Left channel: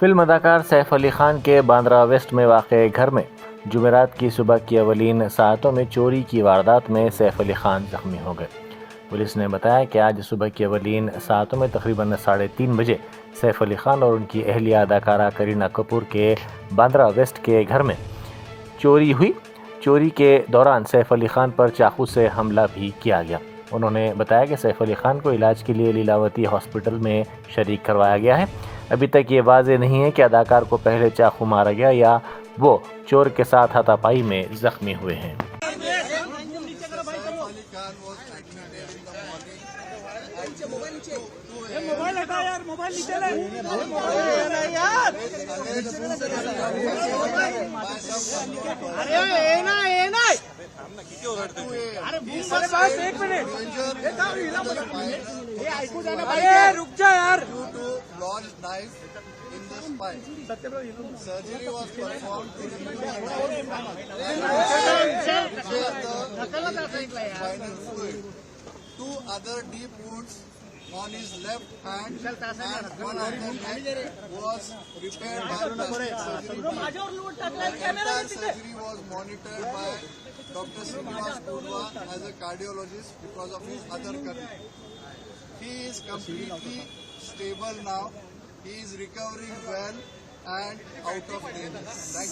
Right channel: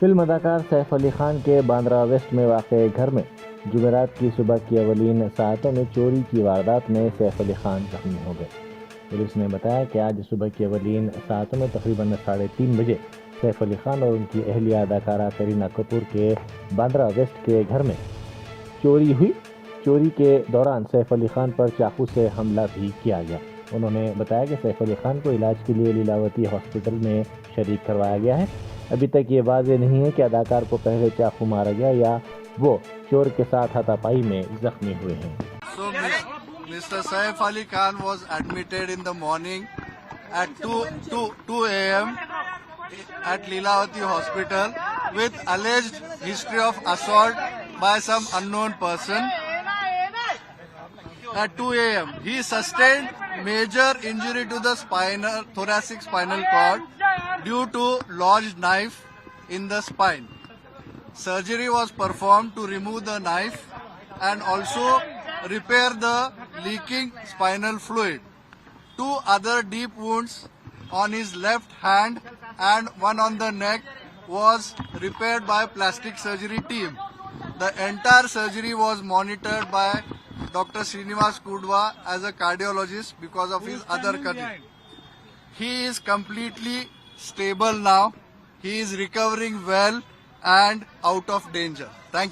फिल्म अदाकार सैफ अली खान के बांद्रा वेस्ट में वाक़े घर में जुमेरात की सुबह की अवलीन सातों में चोरी की वारदात में सैफ अली खान जख्मी हो गए। पुलिस ने बताया कि आज सुबह की अवलीन सातों में तकरीबन 3:30 बजे सैफ अली खान और उनकी अहलिया अदाकारा करीना कपूर के बांद्रा वेस्ट के घर में चोरी हुई। चोरी के दौरान सैफ अली खान पर चाकू से हमला भी किया गया। उन्होंने बताया कि सैफ अली खान को इलाज के लिए लीलावती हॉस्पिटल में शरीक करवाया गया है। अभी तक ये वाज़ेह नहीं है कि अदाकार को पहले चाकू मारा गया या वो चोर के साथ हाथापाई में जख्मी हुए हैं। Mr. Saif Ali Khan was admitted in the morning at 2 a.m. at Leelavati Hospital with alleged history of assault by some unknown person. At 2 a.m. he sustained major injury to the thoracic spinal cord due to lodged knife in the spine. Surgery was performed to remove the knife and also repair the leaking spinal fluid. 2 other deep wounds on his left hand and one on the neck was repaired by plastic surgery team. The entire surgery was monitored by Dr. Srinivas Kudwa as a cardiologist because of his other condition. He is completely stable now. He is recovering well and out of danger. Thank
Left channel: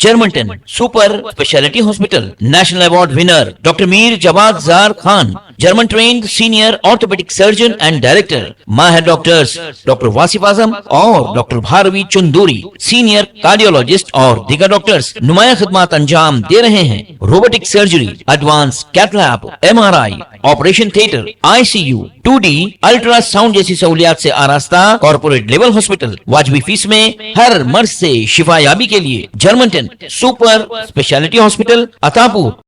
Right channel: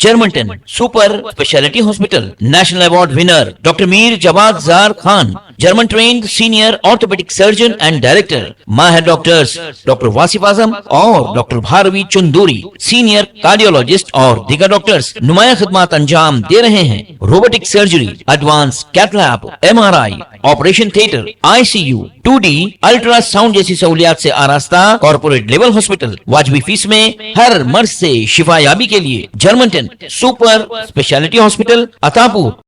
Germanten super speciality hospital national award winner doctor Mir Jawad Zar Khan, German trained senior orthopaedic surgeon and director, माहिर doctors doctor Wasif Azam और doctor Bharavi Chanduri, senior cardiologist और दीगर doctors नुमाया खिदमत अंजाम दे रहे हैं। Robotic surgery, advance cath lab, MRI, operation theatre, ICU, 2D ultrasound जैसी सहूलियात से आरास्ता कॉर्पोरेट लेवल हॉस्पिटल। वाजबी फीस में हर मर्ज से शिफायाबी के लिए Germanton super speciality hospital, Attapur.